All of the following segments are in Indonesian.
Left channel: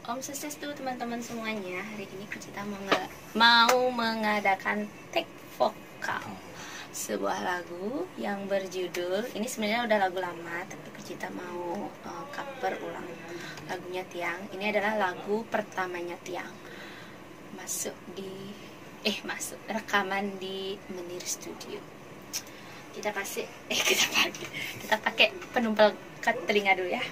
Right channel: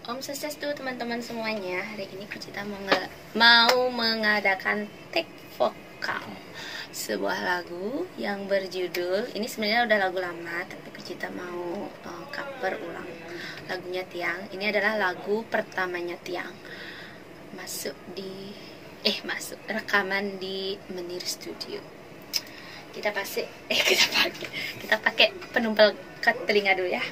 Om Swastiastu teman-teman semuanya. Hari ini kita mau mengadakan take vokal sebuah lagu yang berjudul, ini sebenarnya udah lagu lama tapi kita mau cover ulang lagunya Tiang. Ini adalah lagu pertamanya Tiang. Masuk rekaman di Menir Studio. Kita pakai penumpal telinga dulu ya.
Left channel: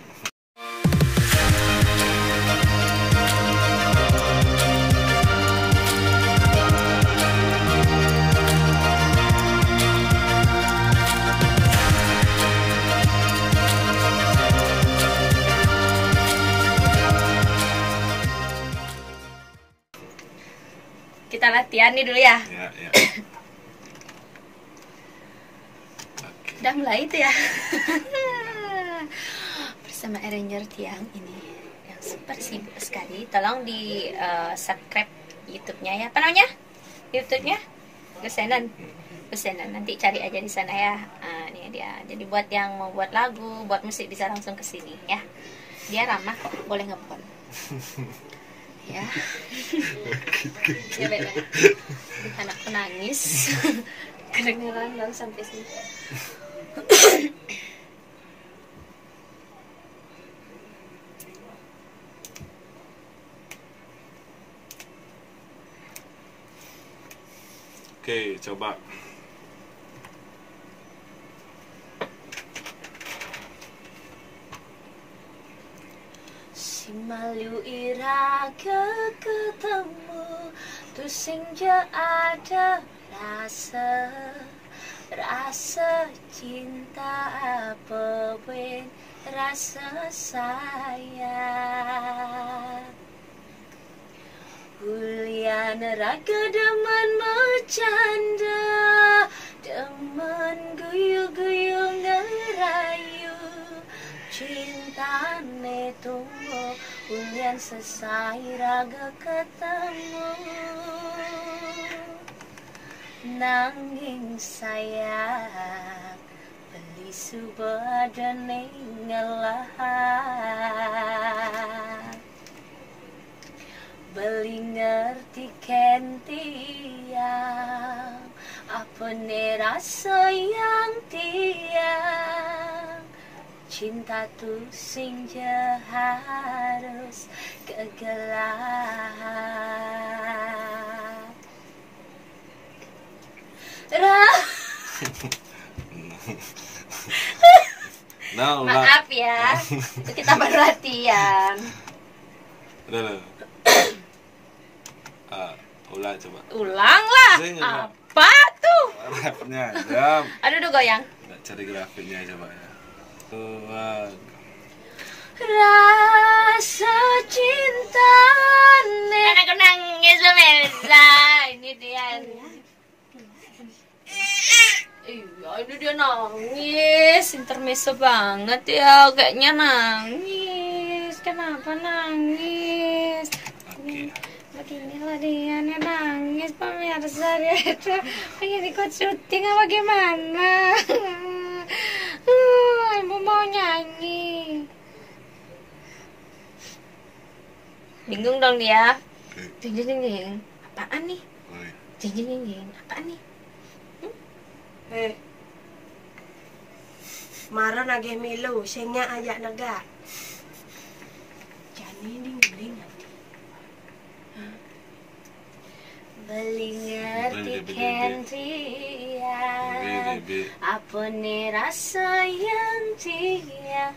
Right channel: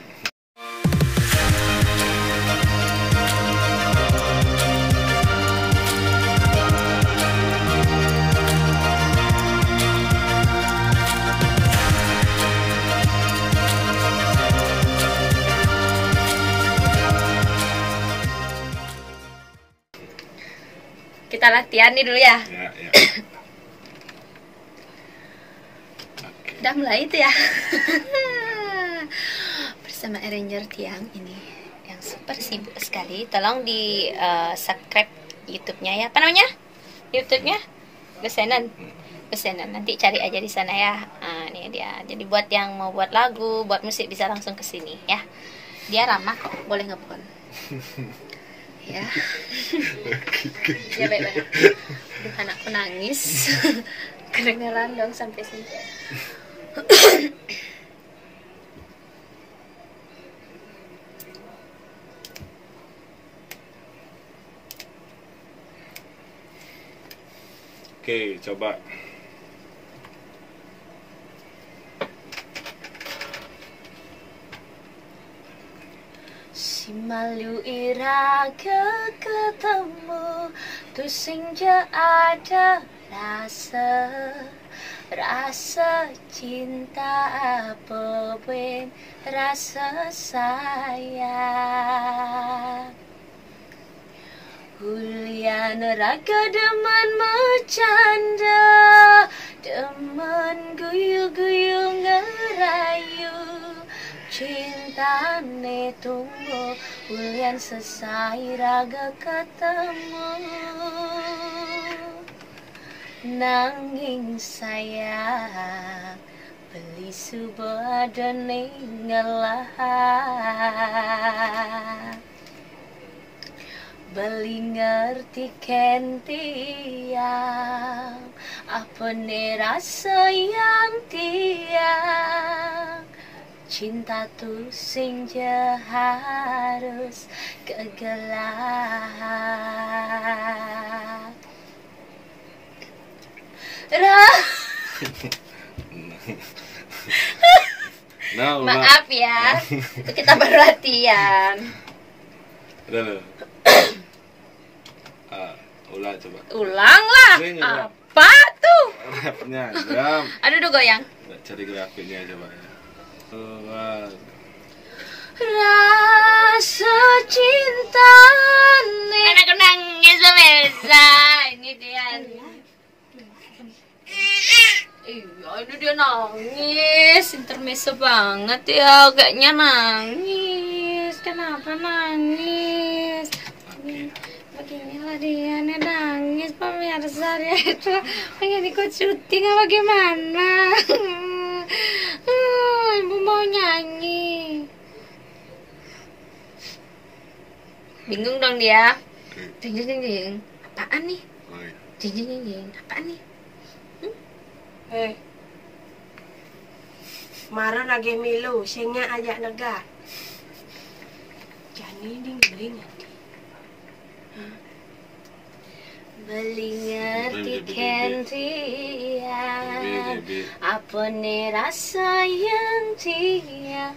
Kita latihan nih dulu ya. Ya. Udah mulai itu ya. Bersama arranger Tiang ini yang super sibuk sekali. Tolong di subscribe YouTube-nya ya. Apa namanya? YouTube-nya? Besenan. Nanti cari aja di sana ya. Nah, ini dia. Jadi buat yang mau buat lagu, buat musik bisa langsung ke sini ya. Dia ramah kok, boleh ngebon. Ya. Ya baik-baik. Aduh, anakku nangis. Kedengeran dong sampai sini. Oke, coba. Si malu iraga ketemu tu senja ada rasa cinta apa pun rasa sayang. Hulian raga demen bercanda, demen guyu-guyu ngerayu. Cinta ne tunggu, hulian selesai raga ketemu. Nanging sayang, beli subadane ngalah. Beli ngerti kentiang, apa ne rasa yang tiang. Cinta tu sing harus kegelar. Maaf ya, itu kita baru latihan. Udah. Ulang coba. Ulang lah. Apa tuh? Rapnya, jam. Aduh, goyang. Cari grafiknya coba ya. Ulang. Rasa cinta nih. Anakku nangis pemirsa. Ini dia. Iya, itu dia nangis. Intermezzo banget ya, kayaknya nangis. Kenapa nangis? Beginilah dia nangis pemirsa, dia itu pengen ikut syuting apa gimana? Ibu mau nyanyi. Bingung dong dia. Jeng. Apaan nih? Jeng. Apaan nih? Mara nage milu, sengnya ajak naga. Jani ding. Beli ngerti kentian, apa ne rasa yang tiang.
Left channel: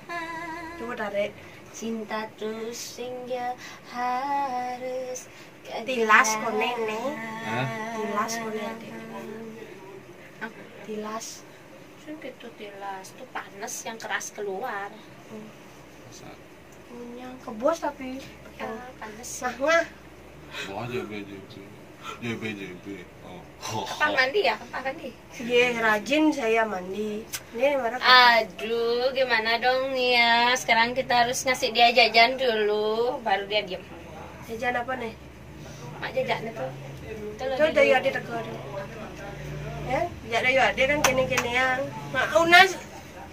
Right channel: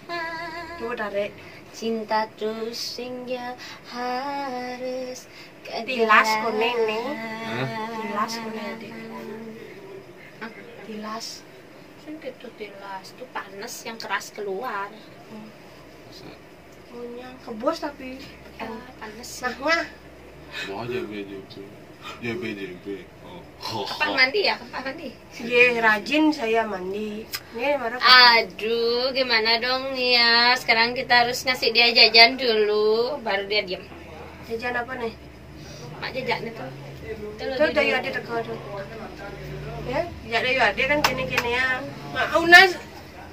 Tunggu tarik. Cinta terus sehingga harus Tilas konek nih. Tilas konek adik. Tilas. Itu tilas, itu panas yang keras keluar. Punya kebos tapi Ya, panas ya. nah. Wah, JB. Kapan mandi ya? Ye rajin saya mandi. Ini marah. Aduh, gimana dong nih ya? Sekarang kita harus ngasih dia jajan dulu, baru dia diam. Jajan apa nih? Mak jajannya tuh. Tuh dari ada teko tuh. Ya, dari ada kan kene-kenean. Mak una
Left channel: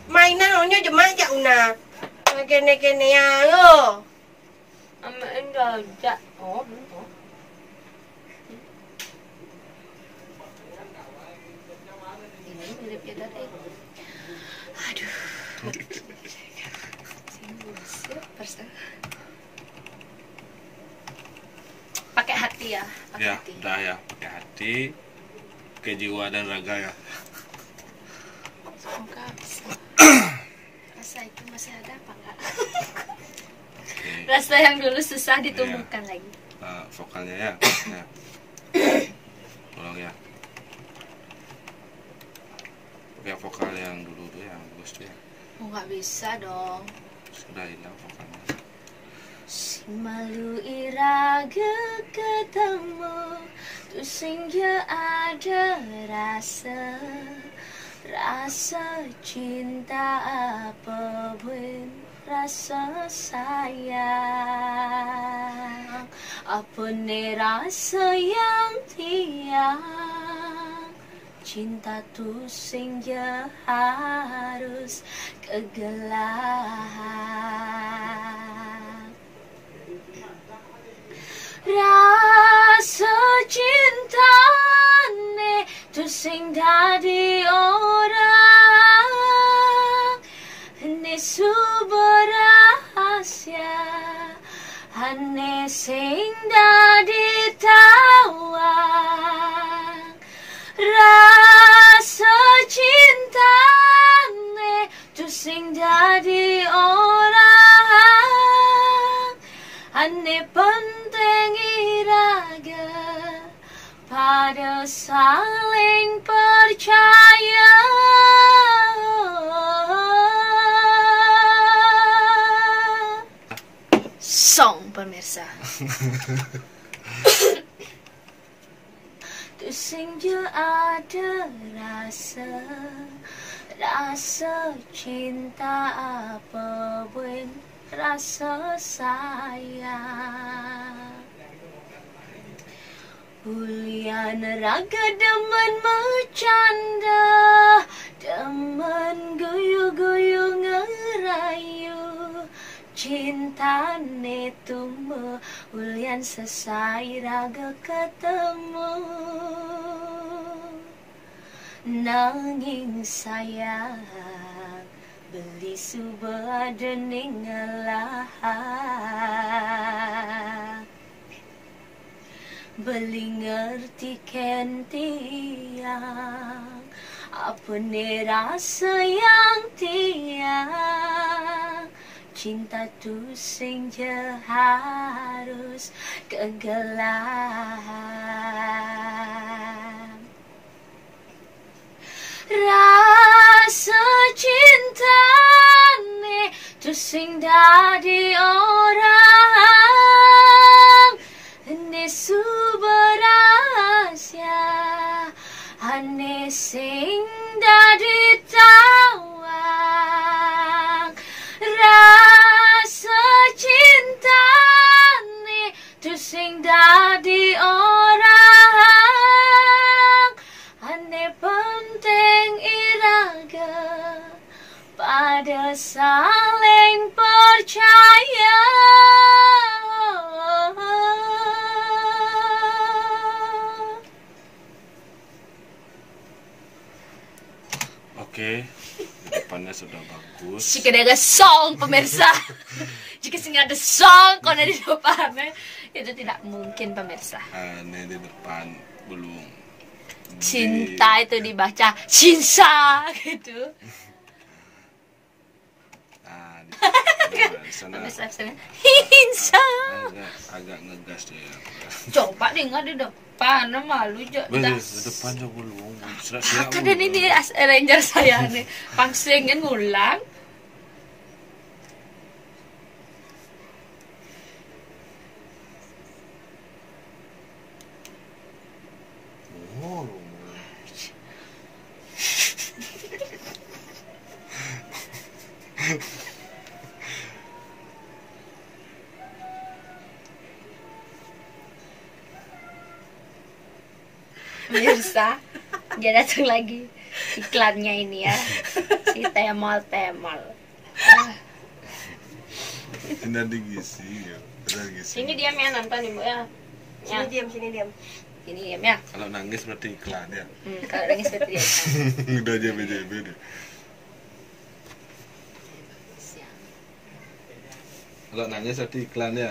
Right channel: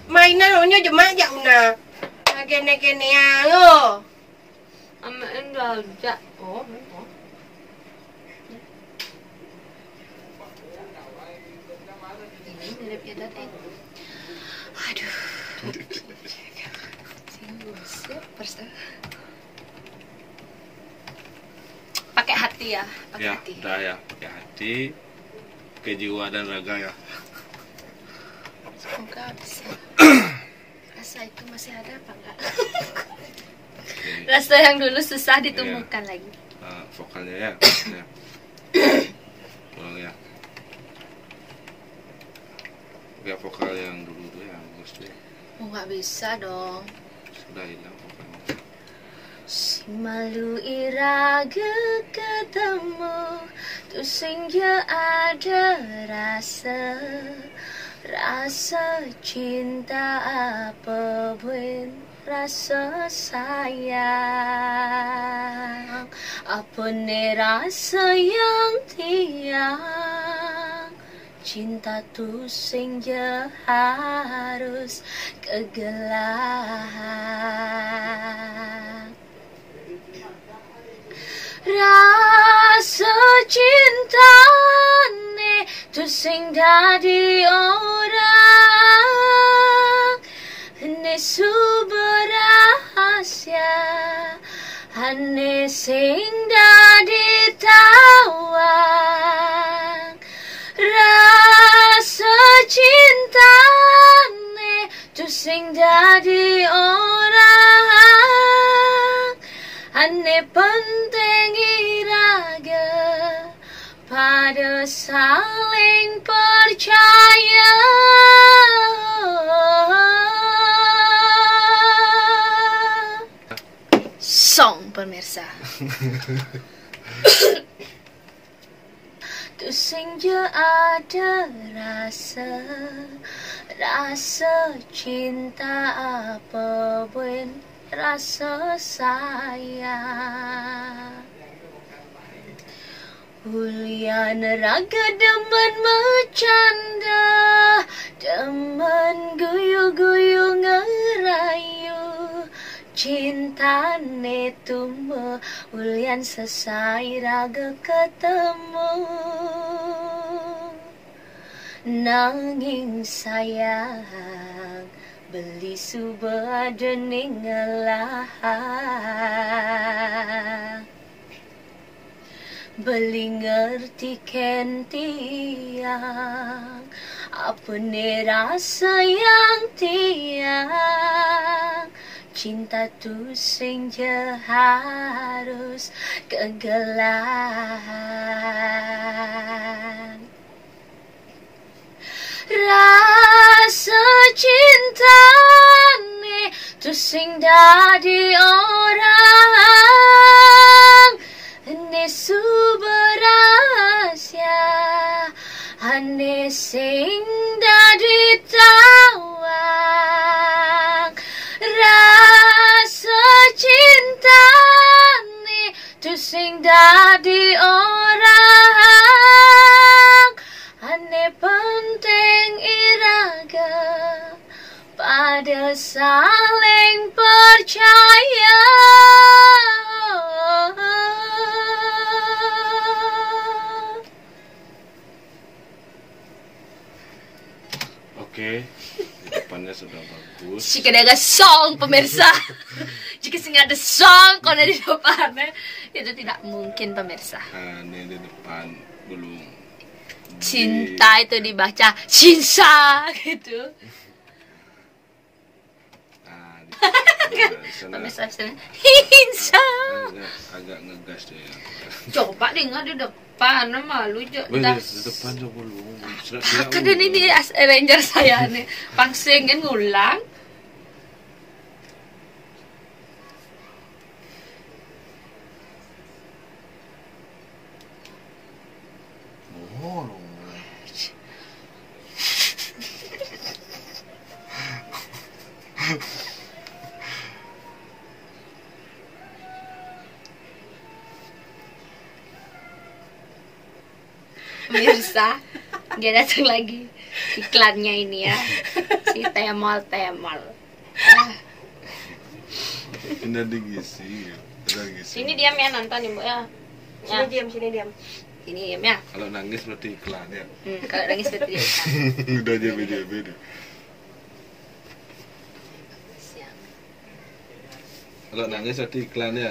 mainan onyo jemak ya una. Kene-kenean lo. Amain aja. Oh. Ini mirip ya Dot. Aduh. Pakai hati ya, pakai Ya, hati. udah ya, pakai hati, pakai jiwa dan raga ya. Semoga bisa. Rasa itu masih ada apa enggak? Oke. Rasa yang dulu susah ditumbuhkan lagi. Nah, vokalnya ya. Ya. Ulang ya. Ya vokal yang dulu tuh yang bagus tuh. Oh, nggak bisa dong. Sudah hilang vokalnya. Si malu iraga ketemu tu senja ada rasa cinta apa pun rasa sayang apa nih rasa yang tiang cinta tu senja harus kegelang rasa cinta ne tu sing dadi orang ne suberahasya ane sing dadi tawang rasa cinta ne tu sing dadi orang ane penting iraga pada saling percaya song pemirsa tu senja ada rasa cinta apa pun rasa sayang Ulian raga demen bercanda demen guyu-guyu ngerayu cinta netumu ulian selesai raga ketemu nanging sayang beli subah dening ngalah beli ngerti tiang apa nih rasa yang tiang cinta tu senja harus kegelang rasa cinta nih tu sing dadi orang ne suberahasya ane sing dadi tawang rasa cinta ne tu sing dadi orang ane penting iraga pada saling percaya Oke, di depannya sudah bagus. jika ada song pemirsa jika sing ada song kalau di depannya itu tidak mungkin pemirsa Ini di depan belum. cinta itu dibaca cinsa gitu Di sana pemirsa hinsa agak ngegas dia. coba dengar di depan malu Di depannya belum. kan ini ranger saya nih pangsengin ngulang Oh, pemirsa dia datang lagi iklannya ini ya si temol ini di gizi ya. nangis. Sini diam ya nonton ibu ya. Sini diam, sini diam. Sini diam ya. Kalau nangis berarti iklan ya. Kalau nangis seperti dia. Udah JB deh. Kalau nangis berarti iklan ya.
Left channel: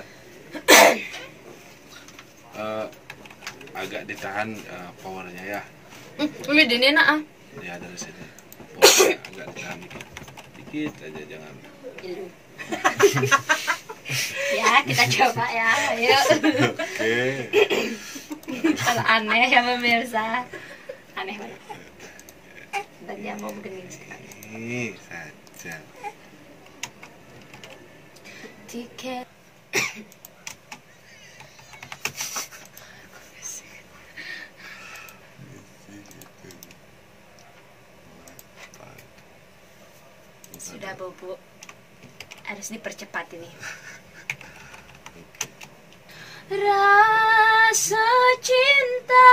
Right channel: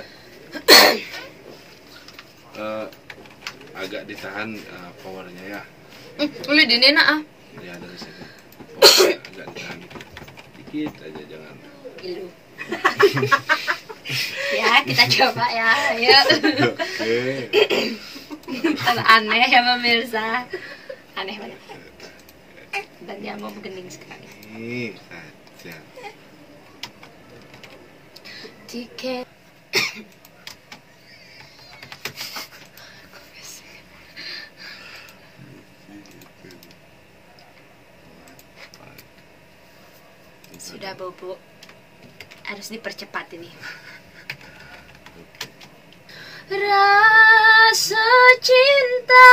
Agak ditahan powernya ya. Boleh dinena ah. Ya dari sini. Powernya agak ditahan dikit aja, jangan. Ilu. Ya kita coba ya. Ayo. Oke. Aneh ya pemirsa. Aneh banget. Dan dia mau bening sekali. Ini saja. Tiket. Sudah bobo. Harus dipercepat ini. Rasa cinta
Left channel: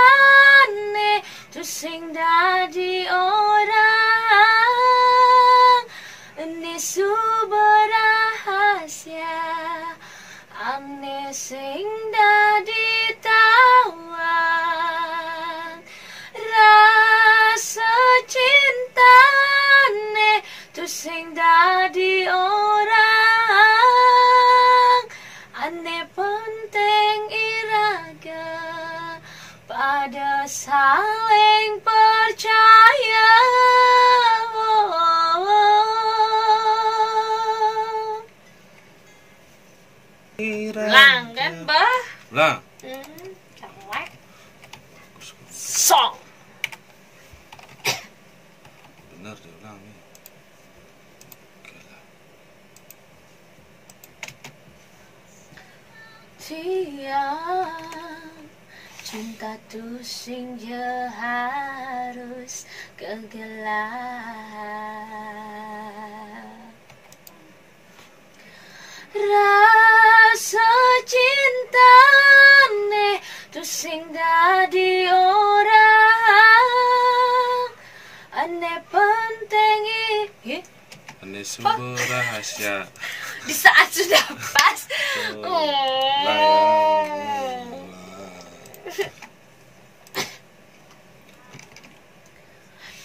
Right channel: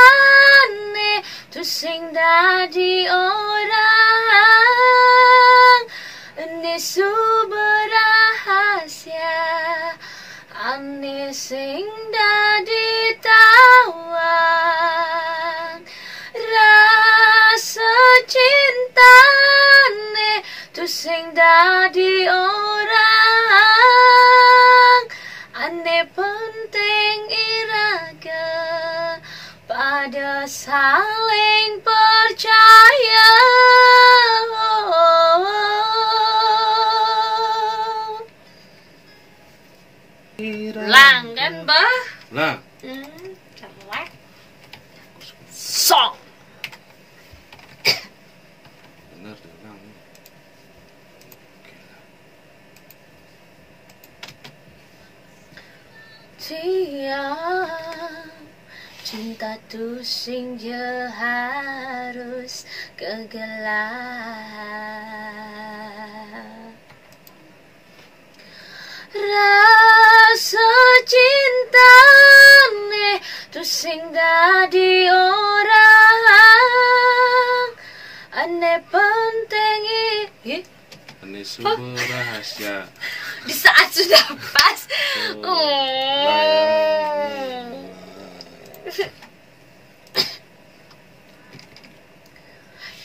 ne tu sing dadi orang ne suberahasia ane sing dadi tawang. Rasa cinta ne tu sing dadi orang ane penting iraga pada saling percaya. Langgan bah. Lah. Celek. Song. Benar dia ulang nih. Oke lah. Tiang cinta tu sing je harus kegelap. Rasa cinta ne tu sing dadi orang ane penting Ini sebuah rahasia. di saat sudah pas.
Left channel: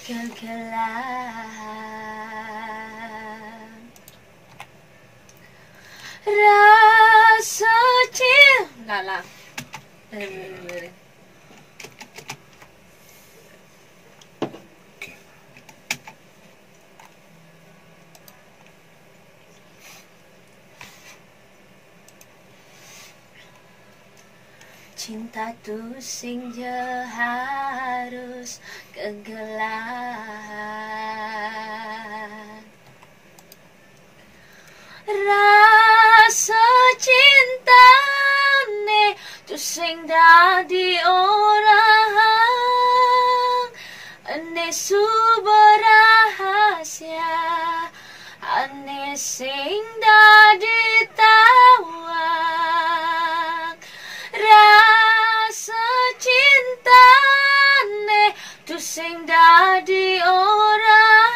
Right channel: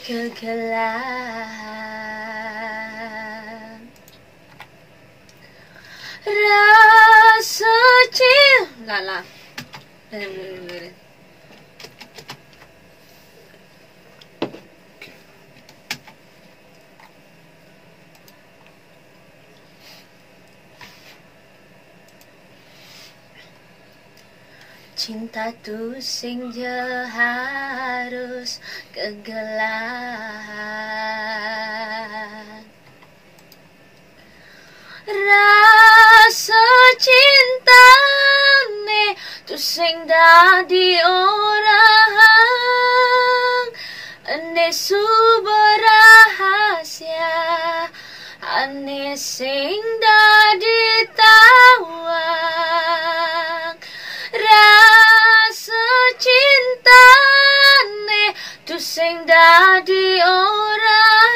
Kegelap rasa cinta lah. Oke. Cinta tu sing je harus kegelan. Rasa cinta ne tu sing dadi orang ane suberahasia ane sing dadi tawang. Rasa cinta ne tu sing dadi orang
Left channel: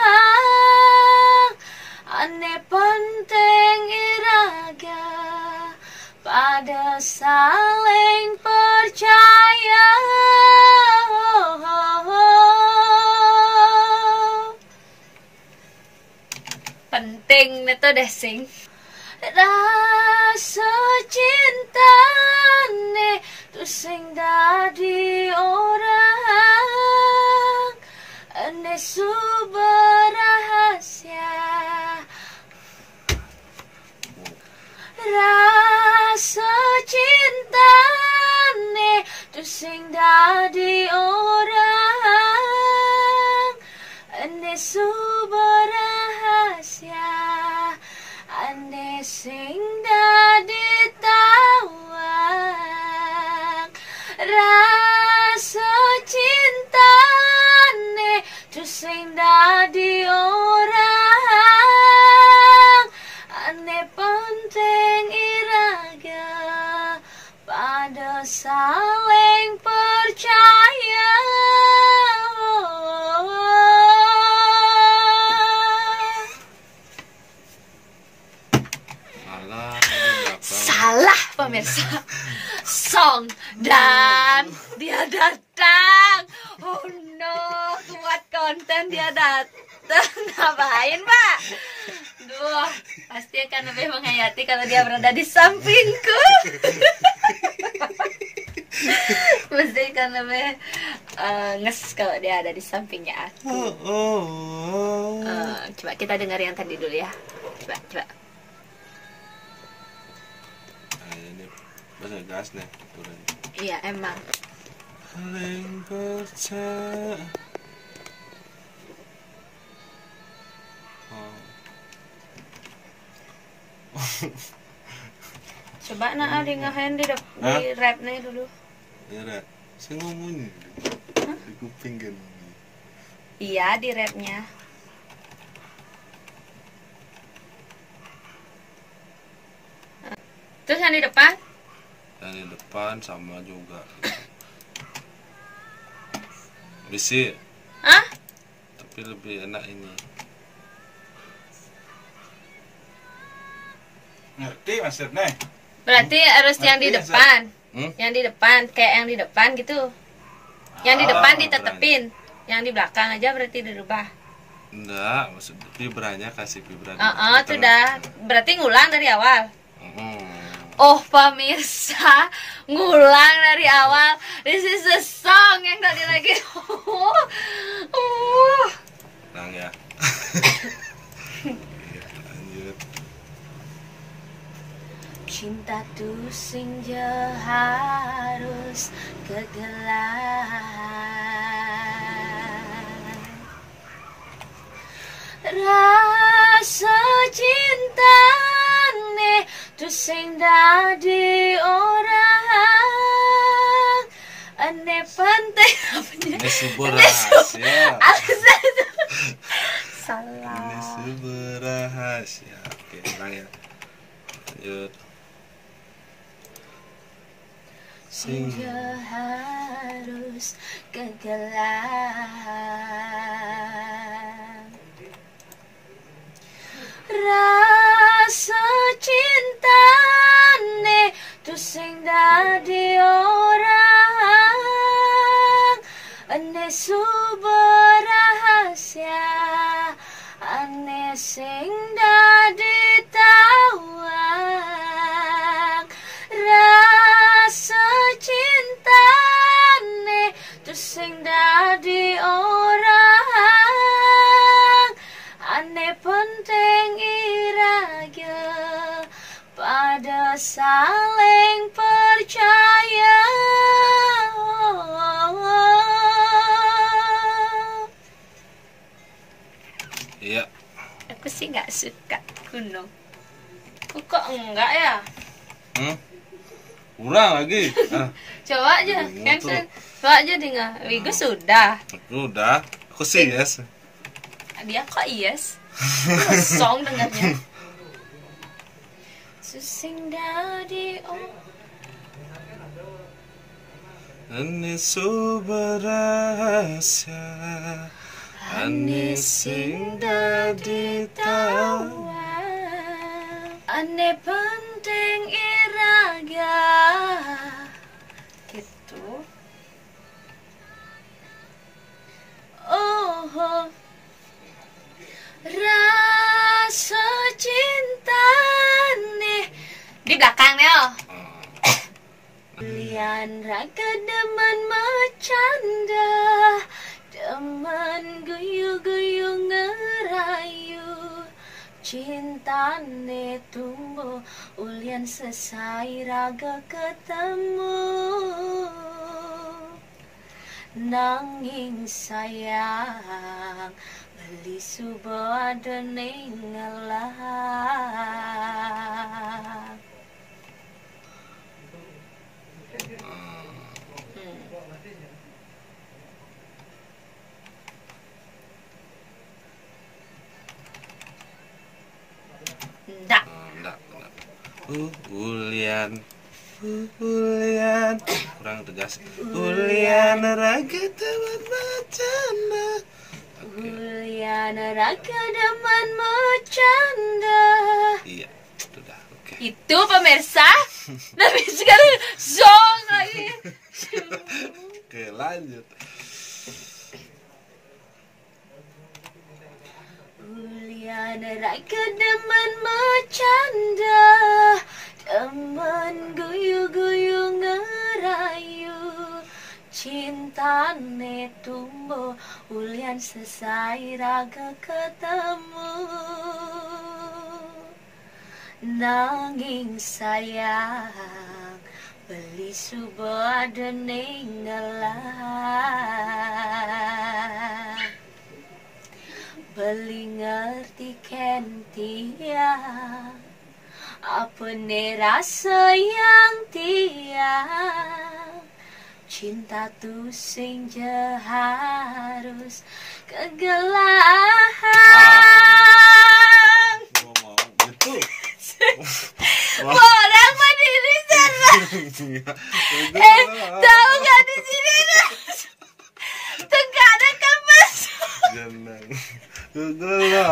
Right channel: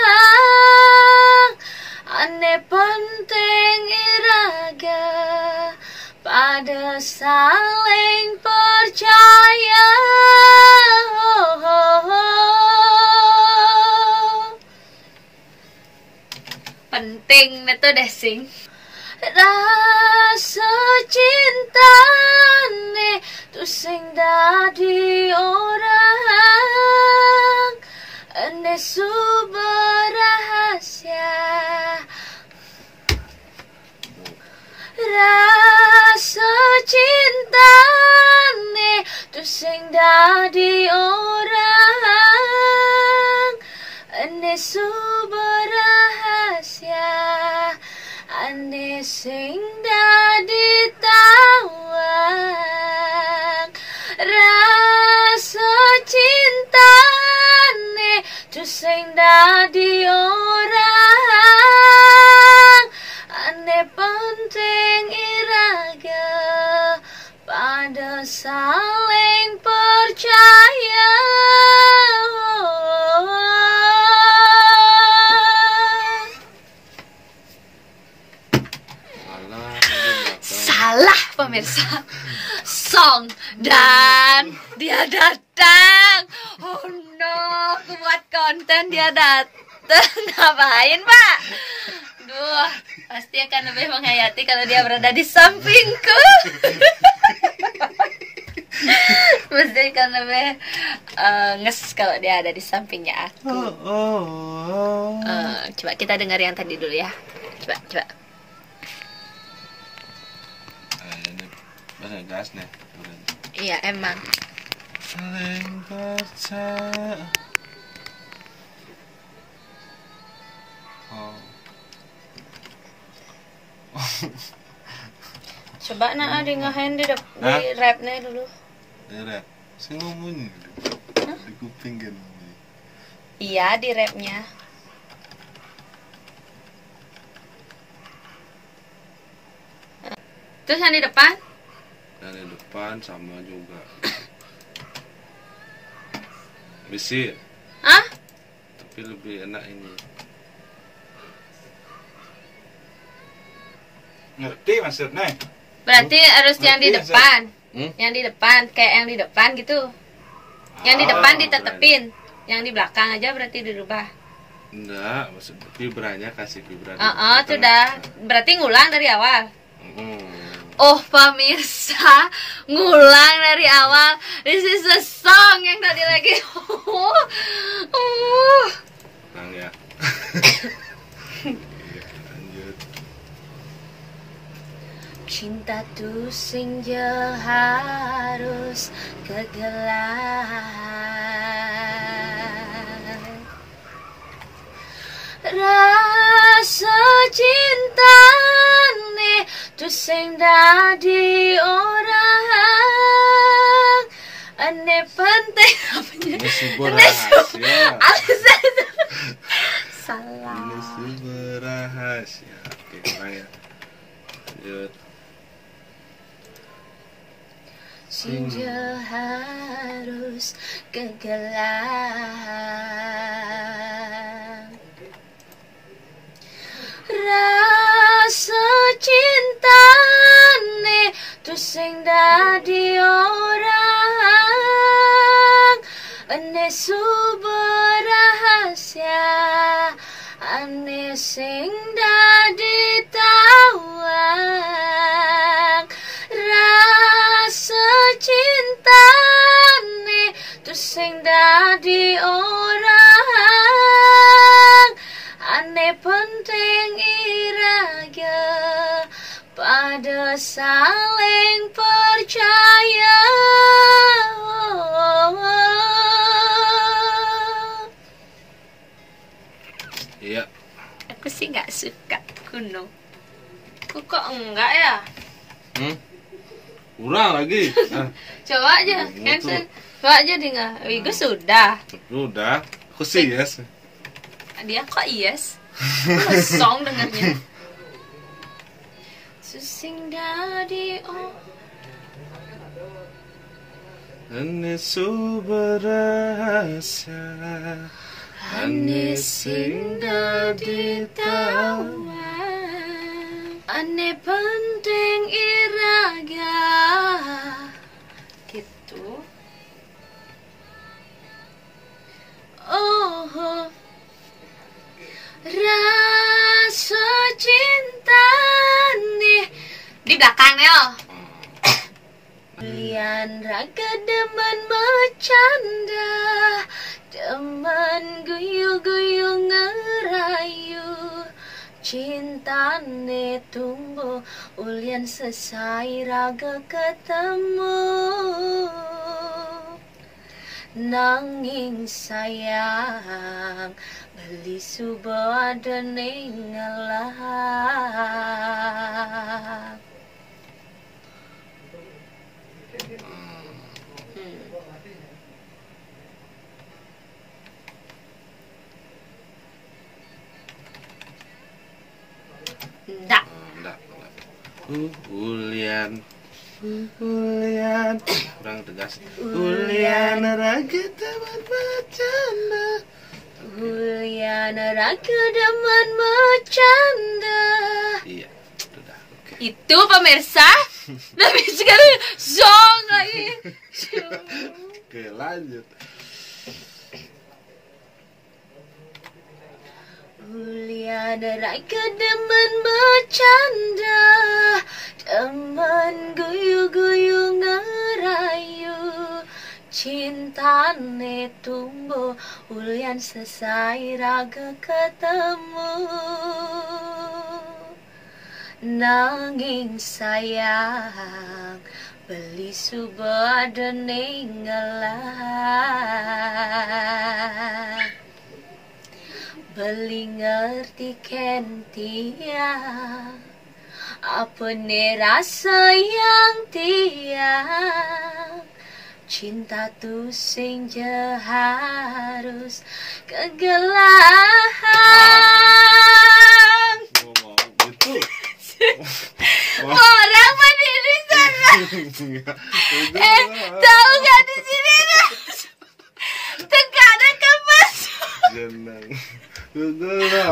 ane penting iraga pada saling percaya. Penting neto deh sing. Rasa cinta ne tu sing dadi orang ane suberahasia. Rasa cinta ne tu sing dadi orang ane suberahasia ane sing dadi tawang. Rasa cinta ne tu sing dadi orang ane penting iraga pada saling percaya. Salah. Salah pemirsa. pemirsa, song dan dia datang. Oh no, aku buat konten dia datang. Ngapain Pak? Duh, pasti akan lebih menghayati kalau dia berada di sampingku. Pasti akan lebih nges kalau dia ada di sampingnya aku. Coba kita dengar yang tadi dulu ya. Coba. Ini bahasa gas nih. Iya emang. Saling percaya. Coba nak ada ngahen di rapnya dulu. Rap. Saya ngomongin di kuping kan. Iya di rapnya. Terus yang di depan? Yang di depan sama juga. Bisi. Hah? Tapi lebih enak ini. Ngerti maksudnya? Berarti harus yang di Ngerti, depan. Hmm? Yang di depan, kayak yang di depan gitu. Yang di depan ditetepin. Yang di belakang aja berarti dirubah. Enggak, maksud vibranya kasih vibra. Sudah. Berarti ngulang dari awal. Hmm. Oh pemirsa, ngulang dari awal. This is a song yang tadi lagi. Lang ya. Lanjut. Cinta tuh sing je harus kegelar. Rasa cinta nih tuh sing dadi orang. Ane penting apanya? Ini sebuah rahasia. Salah. Ini sebuah rahasia. Oke, Lang ya. Lanjut. Senja harus kegelar. Rasa cinta nih tuh sing dadi orang. Ane subuh rahasia, ane sing dadi tawang. Rasa cinta nih tuh sing dadi orang. Ane penting iraga pada saling percaya. Iya. Aku sih nggak suka kuno. Kok enggak ya? Ulang lagi. Coba aja, Gitu. cancel. Coba aja dengar. Wigo sudah. Udah. Aku sih yes. Dia kok yes? Song dengarnya. Susing dadi Ane suberasa. Ane sing dadi tawang. Ane penting iraga. Gitu. Oh. Rasa cinta nih di belakang ya. Lian raga demen bercanda, demen guyu-guyu ngerayu. Cinta nih tumbuh ulian selesai raga ketemu. Nanging sayang beli subuh ada nengalah. Enggak. Ulian. Kurang tegas. Ulian raga teman bercanda. Ulian raga demen bercanda. Iya, sudah. Oke. Itu pemirsa. Tapi sekarang song lagi. Oke, lanjut. Mulia neraka demen bercanda, demen guyu-guyu ngerayu, cintane tumbuh ulian selesai raga ketemu. Nanging sayang beli suba dening ngelak, beli ngerti tiang apa ne rasa yang tiang. Cinta tu sing je harus kegelang. Betul. Orang berdiri sana. Tahu gak di sini ada tekanan kemas.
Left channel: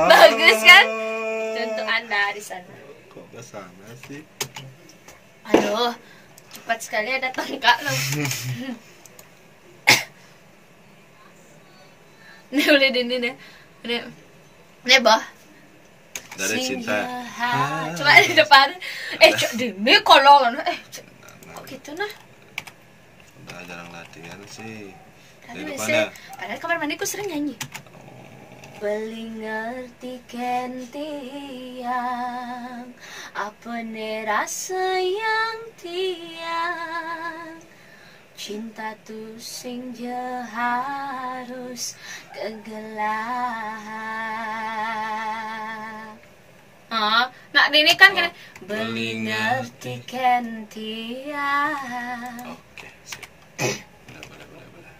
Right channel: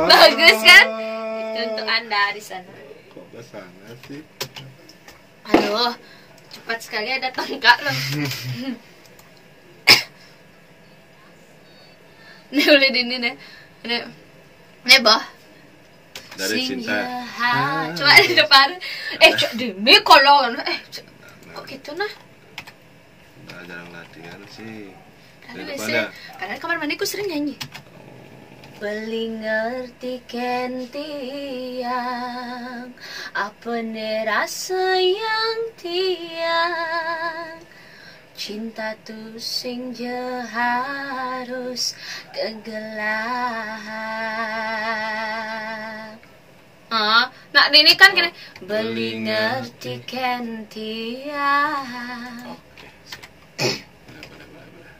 Bagus kan? Itu untuk Anda di sana. Kok ke sana sih? Aduh, cepat sekali ada tongkat loh. Ini boleh di ini nih. Ini bah. Dari cinta. Coba di depan. Demi kolongan. Kok gitu nah? Udah jarang latihan sih. Kan Di biasa. depannya. Padahal kamar mandiku sering nyanyi. Beli ngerti tiang apa ne rasa yang tiang. Cinta tu sing je harus kegelang. Nak ini kan kena beli ngerti tiang. Oke, sip. Boleh.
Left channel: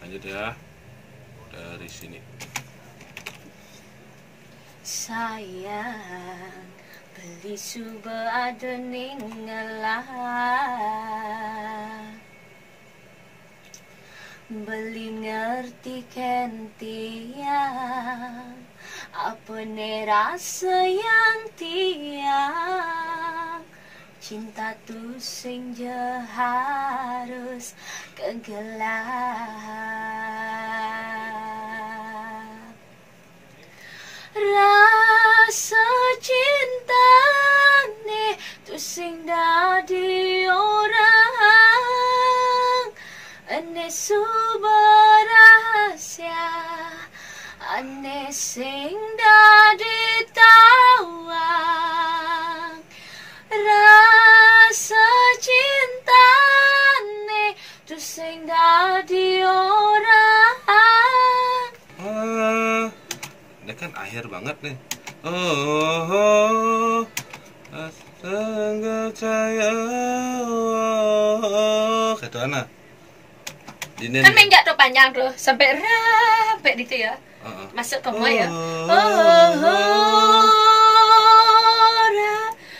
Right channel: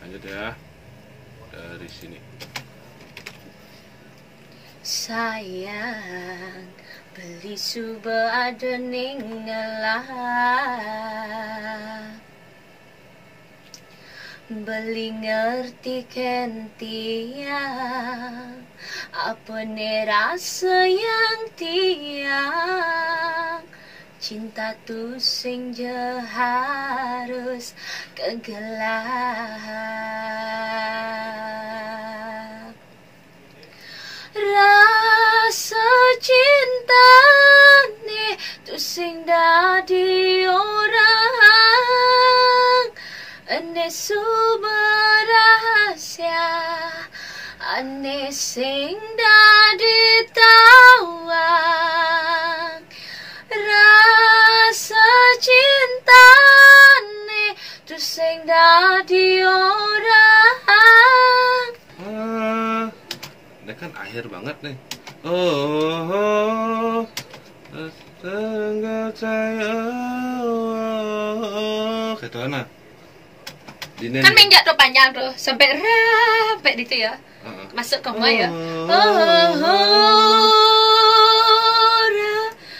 Lanjut ya. Dari sini. Sayang beli suba ada ninggalak, beli ngerti tiang apa ne rasa yang tiang. Cinta tu sing je harus kegelang. Rasa cinta ne tu sing dadi orang, ane suba rahasia, ane sing dadi tawang. Rasa cinta ne tu sing dadi orang. Ini kan akhir banget nih. Tengah cahaya. Kata Ana. Kan main jatuh panjang tuh sampai sampai gitu ya. Masuk ke ya.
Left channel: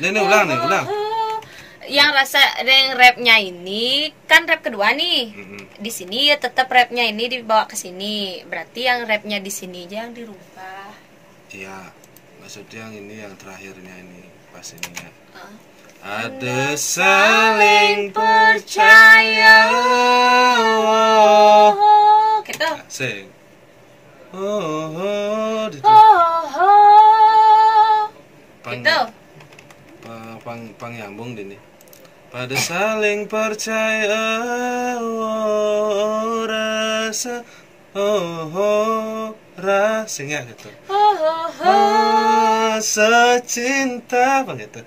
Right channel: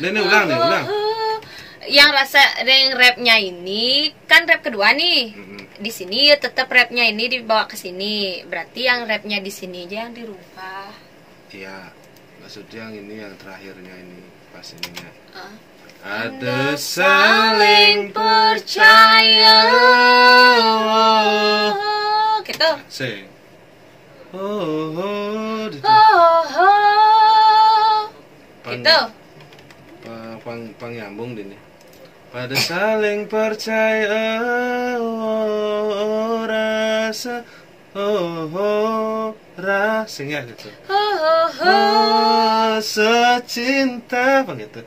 Ini ulang. Yang rasa yang rapnya ini kan rap kedua nih. Di sini tetap rapnya ini dibawa ke sini. Berarti yang rapnya di sini aja yang dirubah. Iya, maksudnya yang ini yang terakhirnya ini pas ininya. Ada saling percaya. Gitu. Sing. Gitu. Pang nyambung dini. Pada saling percaya, rasa, rasanya gitu. Secinta apa gitu.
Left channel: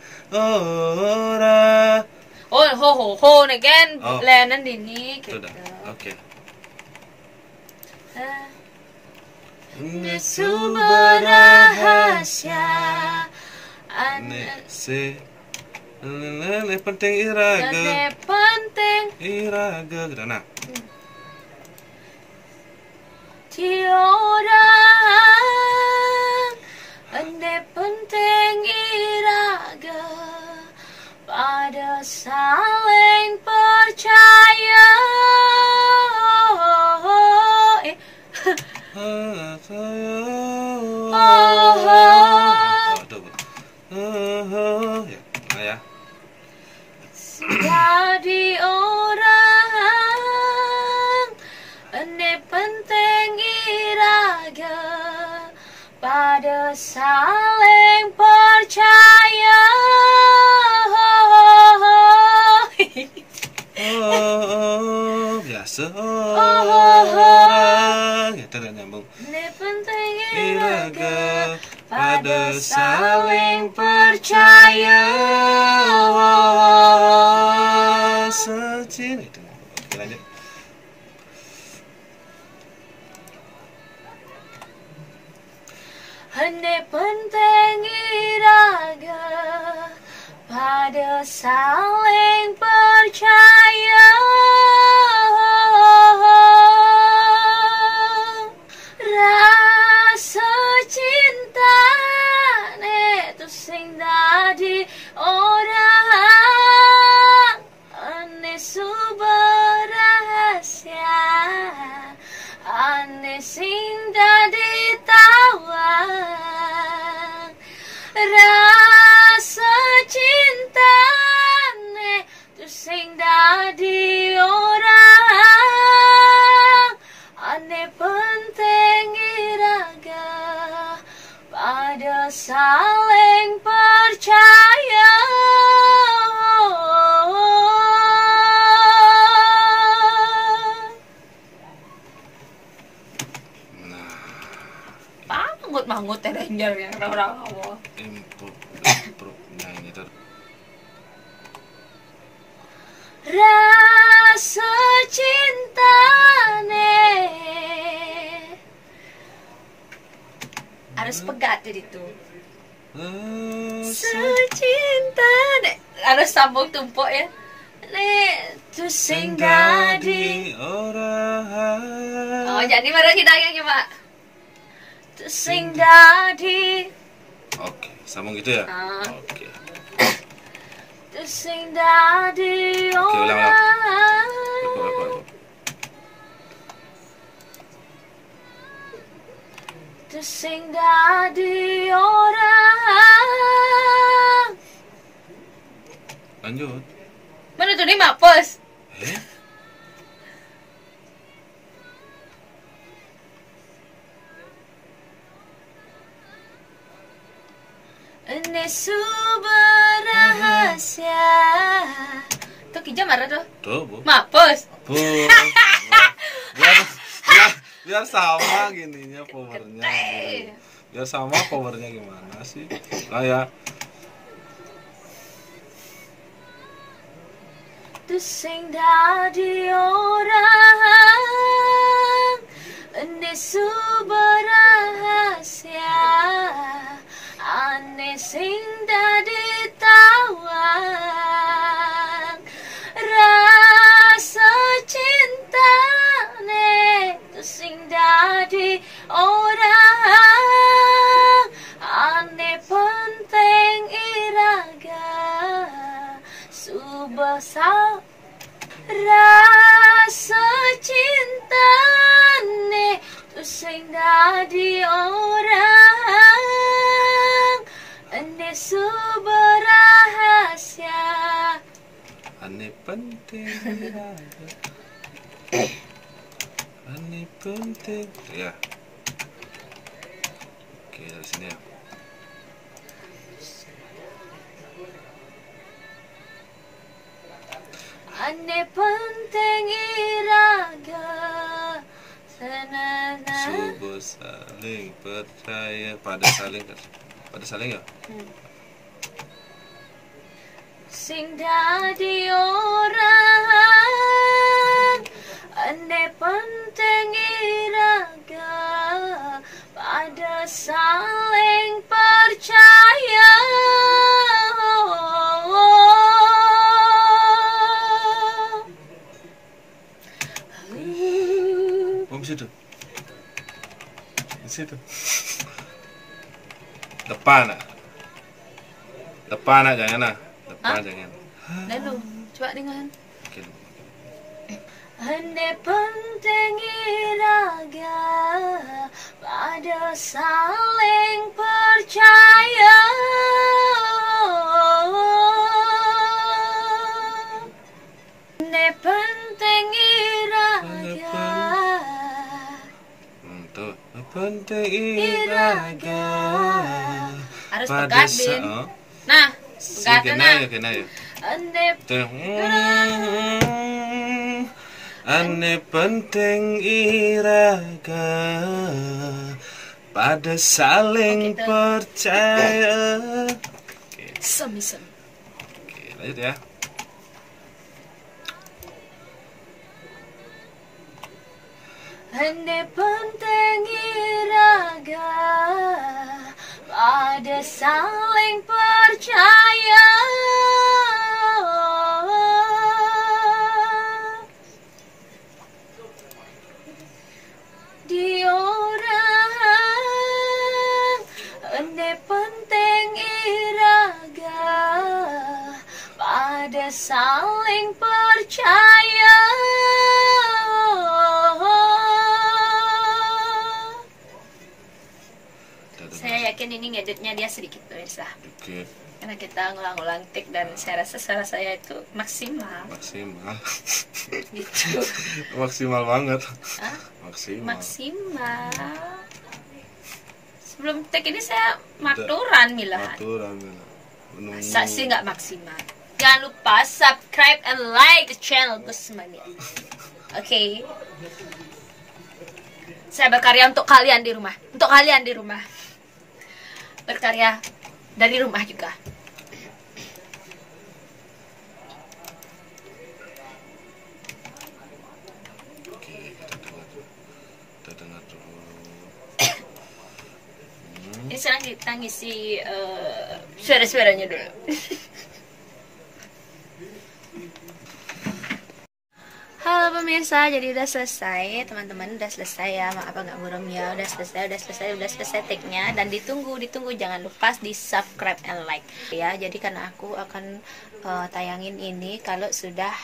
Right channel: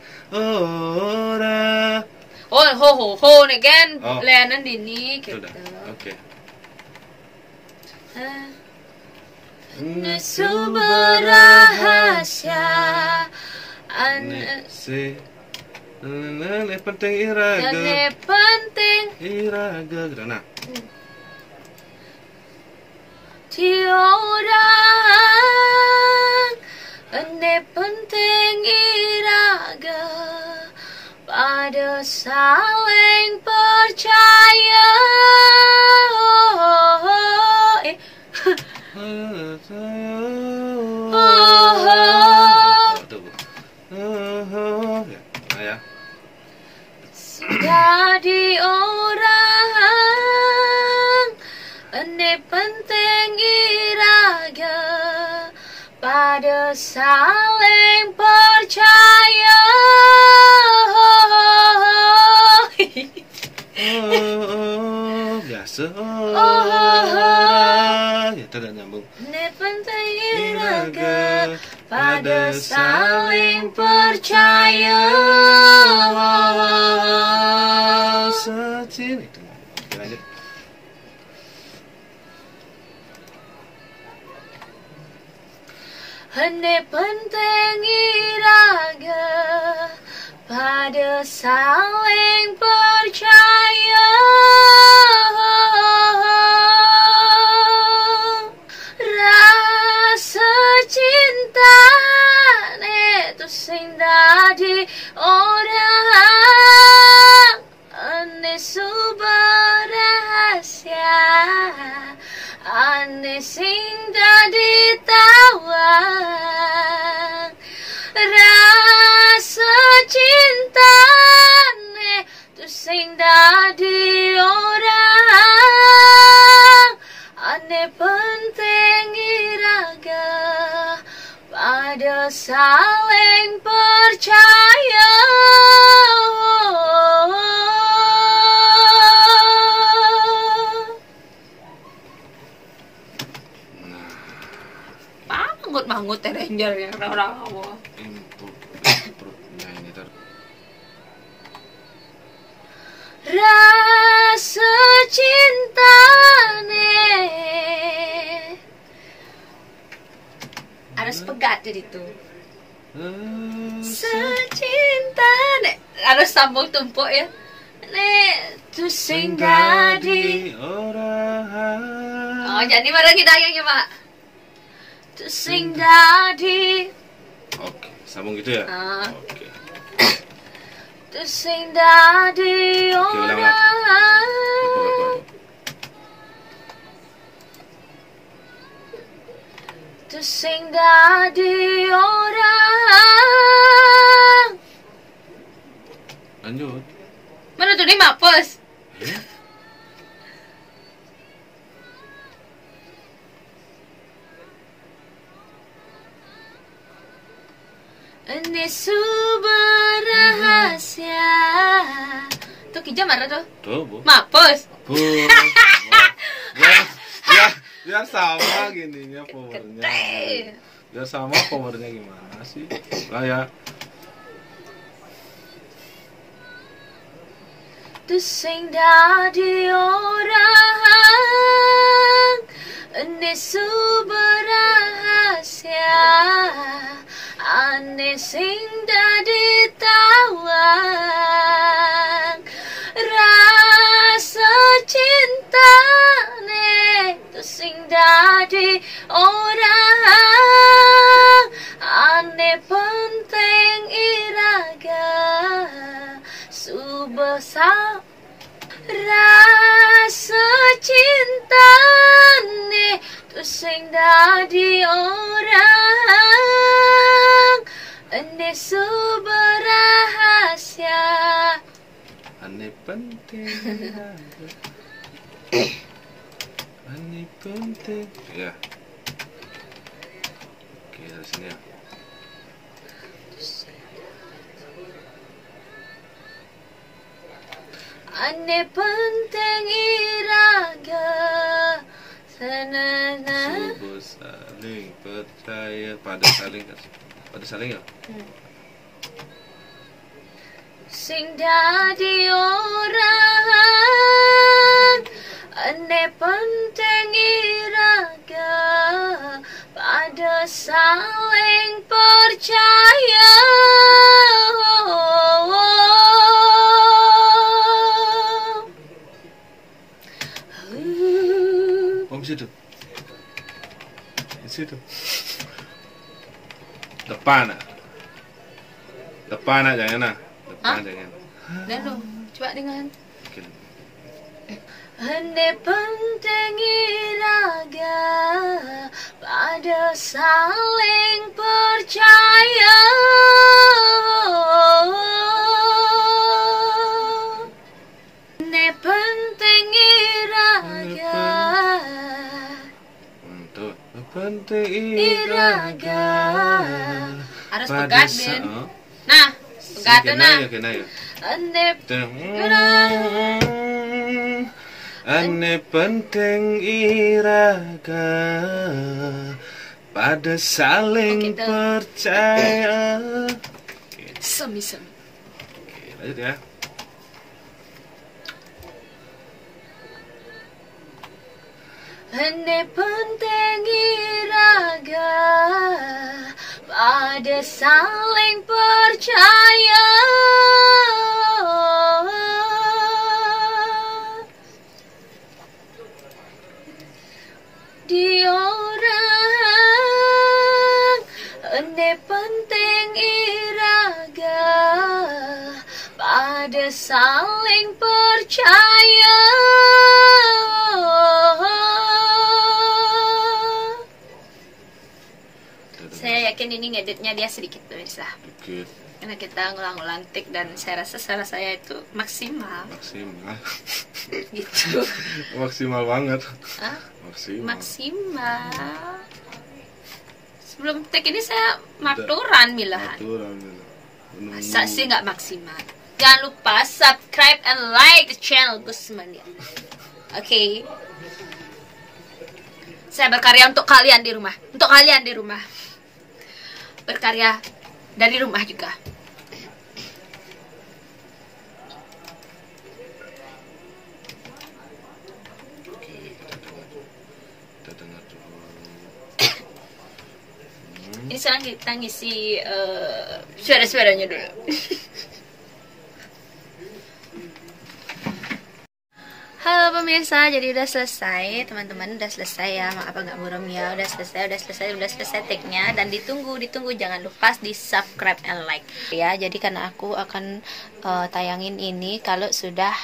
Nih kan lenan dini gitu. Sudah, oke. Nesu berahasia, Lele penting iraga. Lele penting Iraga gimana? Tiorang Lele penting iraga pada saling percaya. Jadi orang ini penting iraga pada saling percaya. Biasa orang ya tidak nyambung. Ini penting iraga pada saling percaya. Secin itu lanjut. Ini penting iraga pada saling percaya. Rasa cinta itu sing dadi orang ane subah rahasia, ane sing dadi tawang. Rasa cinta itu sing dadi orang ane penting iraga pada saling percaya. Mangut ranger yang orang awal. Improve-nya ini tuh. Rasa cinta harus pegat jadi tuh. Secinta harus sambung tumpuk ya. Tu sing dadi orang. Oh jadi mana kita nyanyi Pak? Tu sing dadi. Oke, sambung gitu ya. Oke. Tu sing dadi orang. Tu sing dadi orang. Lanjut. Mana tuh ni mapes? Ini subah rahasia. Tuh kijam marah tuh. Tuh, Bu. Mapes. Bu. Biar sama gininya powernya. Biar sama powernya gimana sih? Nah ya. Tu sing dadi orang. Ini subah rahasia. Ane sing dadi tawang. Rasa cinta itu sing dadi orang. Ane penting iraga subah sa. Rasa cinta itu sing dadi orang. Ane subah rahasia. Ane penting. Ane penting. Ya. Oke, dari sini ya. Ane penting iraga senana. Subuh saling percaya pada saling ya. Sing dadi orang. Ane penting iraga pada saling percaya. Situ. Di situ. Depan nak. Depan nak jangan nak. Depan jangan. Lalu coba dengan. Okay. Ane penting iraga pada saling percaya. Ne penting iraga. Tuh, penting iraga. Harus pegat, Bin. Nah, pegat nah. Kena ya. Ane penting iraga pada saling percaya. Semi-semi. Oke, lanjut ya. Ane penting iraga pada saling percaya. Di orang ane penting iraga pada saling percaya. Saya yakin ini ngeditnya dia sedikit pemirsa. Oke. Karena kita ngulang-ulang take dan saya rasa suara saya itu maksimal. Maksimal. Gitu. Maksimal banget. Hah? Maksimal. Maksimal. Sebelum take ini saya maturan milahan. Maturan. Masa sih nggak maksimal. Jangan lupa subscribe and like the channel Gusmania. Oke. Saya berkarya untuk kalian di rumah. Untuk kalian di rumah. Berkarya dari rumah juga. Oke, kita dengar dulu. Ini sekarang kita ngisi suara-suaranya dulu. Halo pemirsa, jadi udah selesai teman-teman, udah selesai ya, maaf agak buram ya, udah selesai take-nya dan ditunggu, jangan lupa di subscribe and like ya. Jadi karena aku akan tayangin ini kalau sudah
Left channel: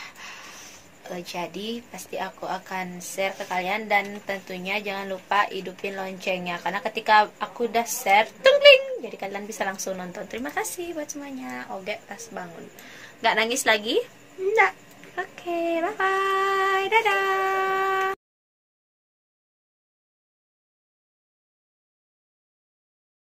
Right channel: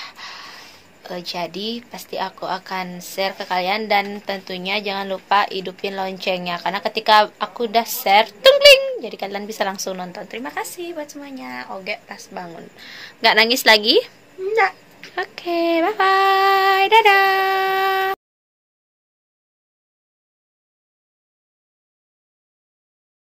jadi pasti aku akan share ke kalian dan tentunya jangan lupa hidupin loncengnya karena ketika aku udah share, tung-ling, jadi kalian bisa langsung nonton. Terima kasih buat semuanya. Oke, pas bangun. Nggak nangis lagi? Nggak. Oke, bye-bye. Dadah.